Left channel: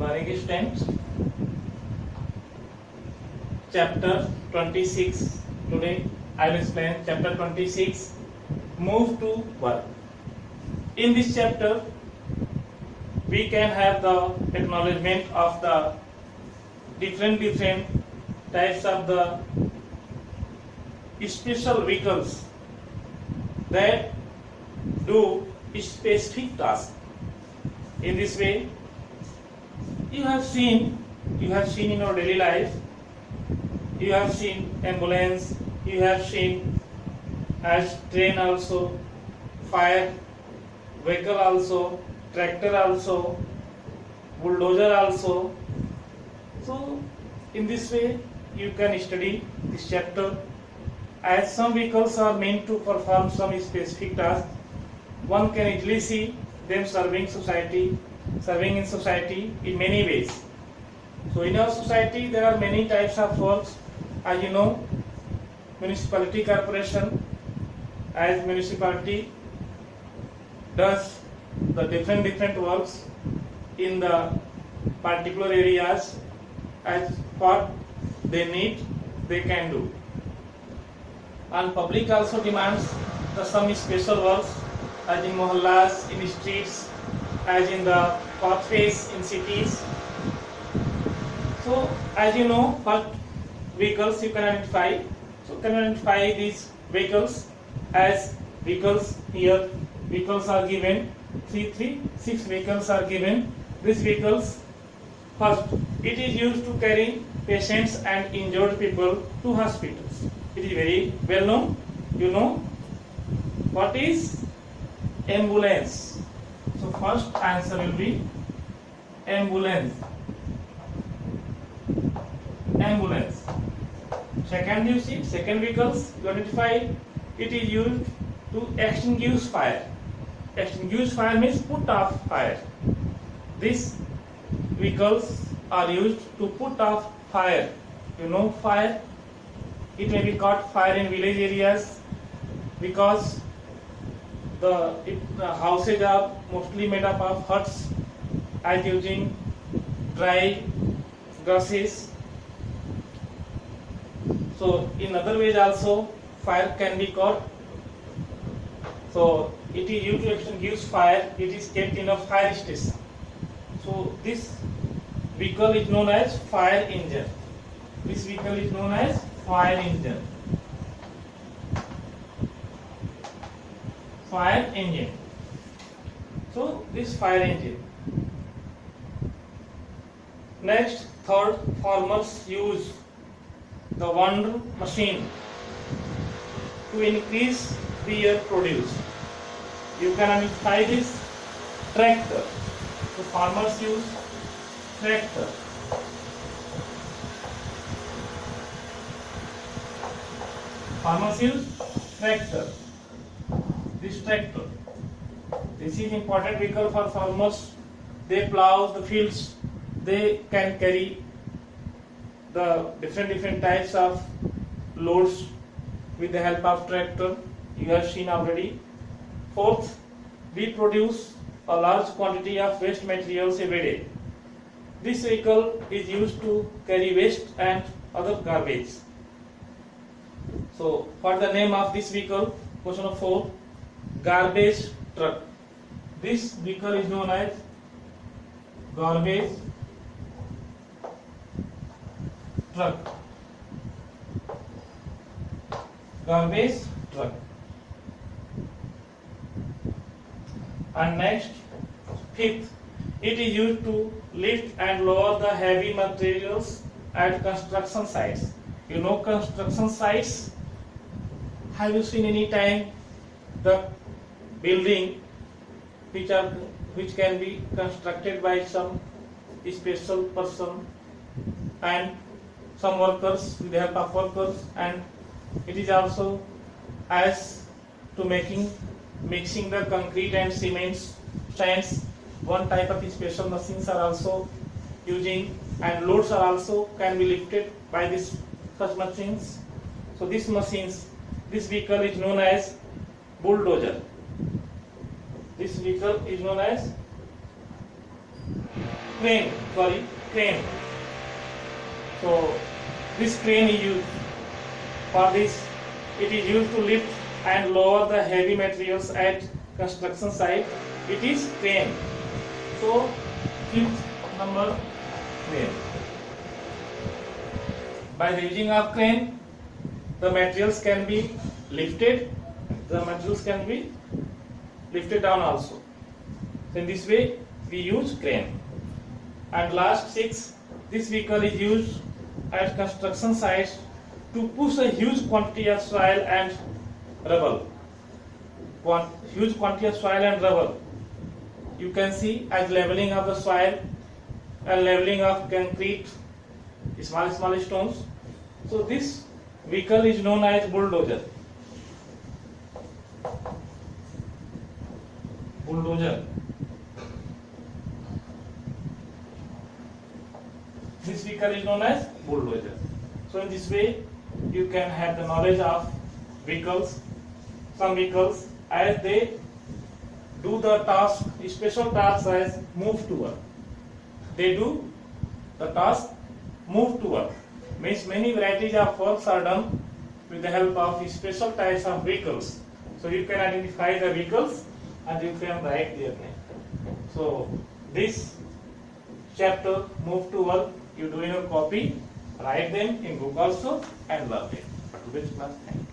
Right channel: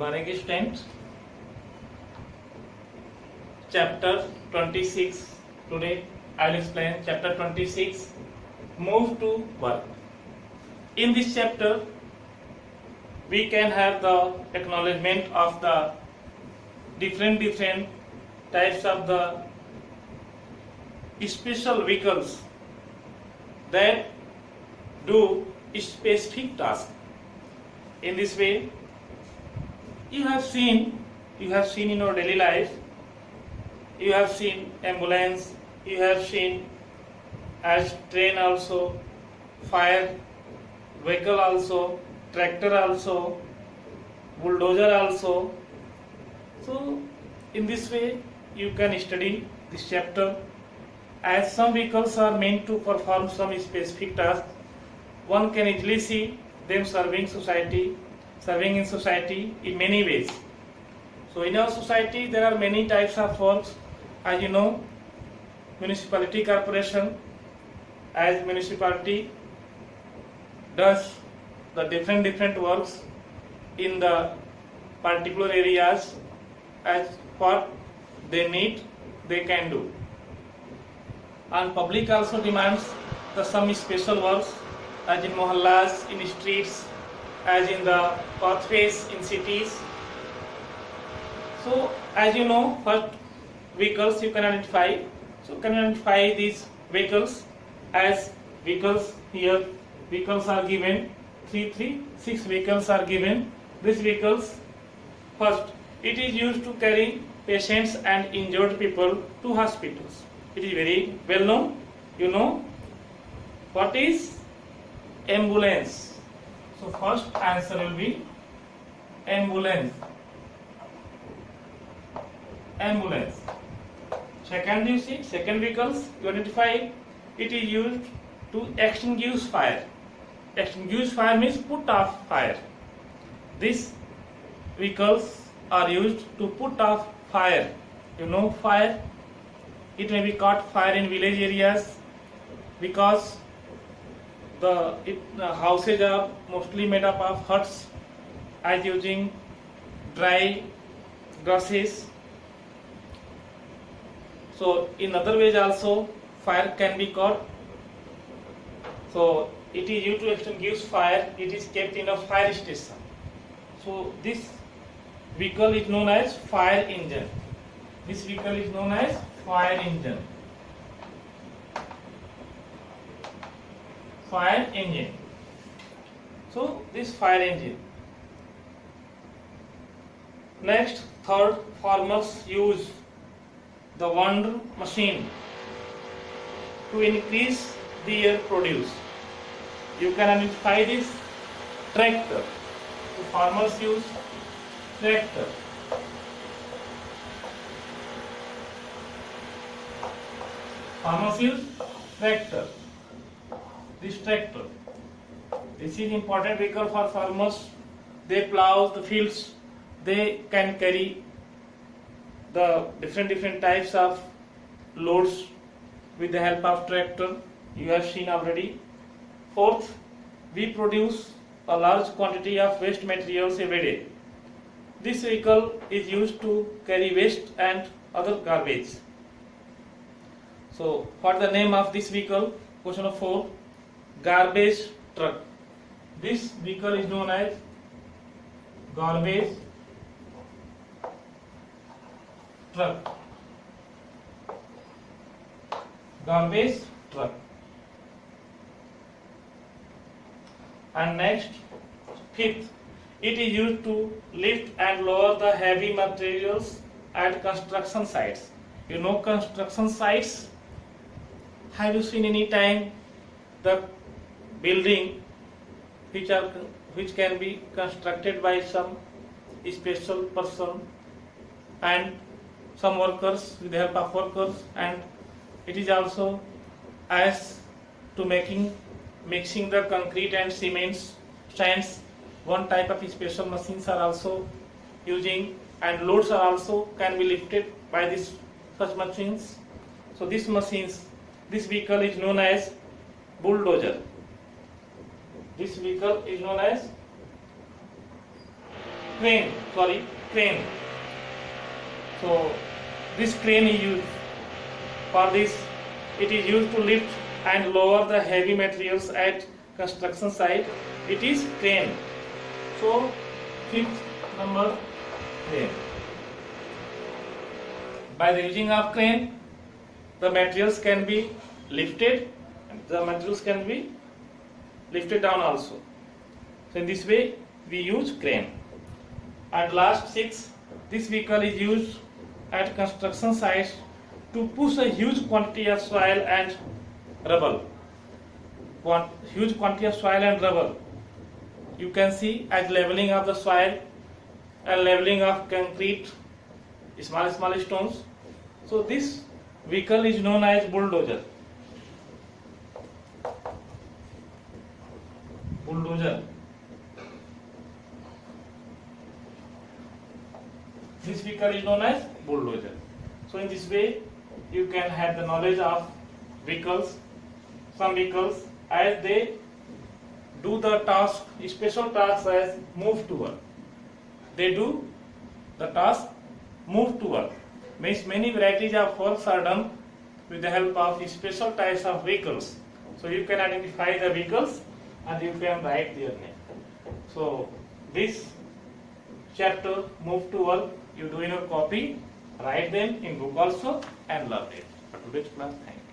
morning, students. Chapter 26. Today I will explain chapter 26. Move to work. In this chapter, we can have the acknowledgement of the different types of the special vehicles that do specific tasks. In this way, you have seen in your daily life, you have seen ambulance, you have seen as train also, fire vehicle also, tractor also, bulldozer also. So in this way you can study this chapter, as some vehicles are meant to perform some specific task. One can easily see them serving in society in many ways. So in our society there are many types of works. As you know, municipality corporation, as municipality does the different works in the particular areas, as what they need they can do. And public also demands some special works, as in mohallas, in streets, as in the pathways in cities. So as you know, what vehicles you can identify. So you can identify these vehicles as vehicles. Here vehicles are given, 6 vehicles are given. These vehicles, first, it is used to carry patients and injured people to hospitals. It is very well known. You know what is ambulance. So first answer will be ambulance. Ambulance. Second, you see, second vehicles you identify, it is used to extinguish fire. Extinguish fire means put off fire. These vehicles are used to put off fire. You know fire, it may be caught fire in village areas because the houses are mostly made up of huts, as using dry grasses. So in other ways also fire can be caught. So it is used to extinguish fire. It is kept in a fire station. So this vehicle is known as fire engine. This vehicle is known as fire engine. Fire engine. So this fire engine. Next, third, farmers use the wonder machine to increase their produce. You can identify this tractor. So farmers use tractor. Farmers use tractor. This tractor. This is important vehicle for farmers. They plow the fields. They can carry the different types of loads with the help of tractor. You have seen already. Fourth, we produce a large quantity of waste materials every day. This vehicle is used to carry waste and other garbage. So what the name of this vehicle? Question number 4, garbage truck. This vehicle is known as garbage truck. Garbage truck. And next, fifth, it is used to lift and lower the heavy materials at construction sites. You know construction sites. Have you seen any time the building which can be constructed by some special person and some workers with the help of workers, and it is also as to mixing the concrete and cements stands. One type of special machines are also using, and loads are also can be lifted by this such machines. So this vehicle is known as bulldozer. This vehicle is known as crane. So this crane is used for this. It is used to lift and lower the heavy materials at construction site. It is crane. So fifth number, crane. By the using of crane, the materials can be lifted. The materials can be lifted down also. So in this way we use crane. And last six, this vehicle is used at construction sites to push a huge quantity of soil and rubble. Huge quantity of soil and rubble. You can see as leveling of the soil and leveling of concrete, small stones. So this vehicle is known as bulldozer. Bulldozer. This vehicle is known as bulldozer. So in this way, you can have the knowledge of vehicles. Some vehicles, as they do the task, special tasks as move to work. They do the task move to work. Means many varieties of works are done with the help of special types of vehicles. So you can identify the vehicles and you can write their name. So this chapter, move to work, you do in your copy, write them in book also and learn it. Today's class, thank you.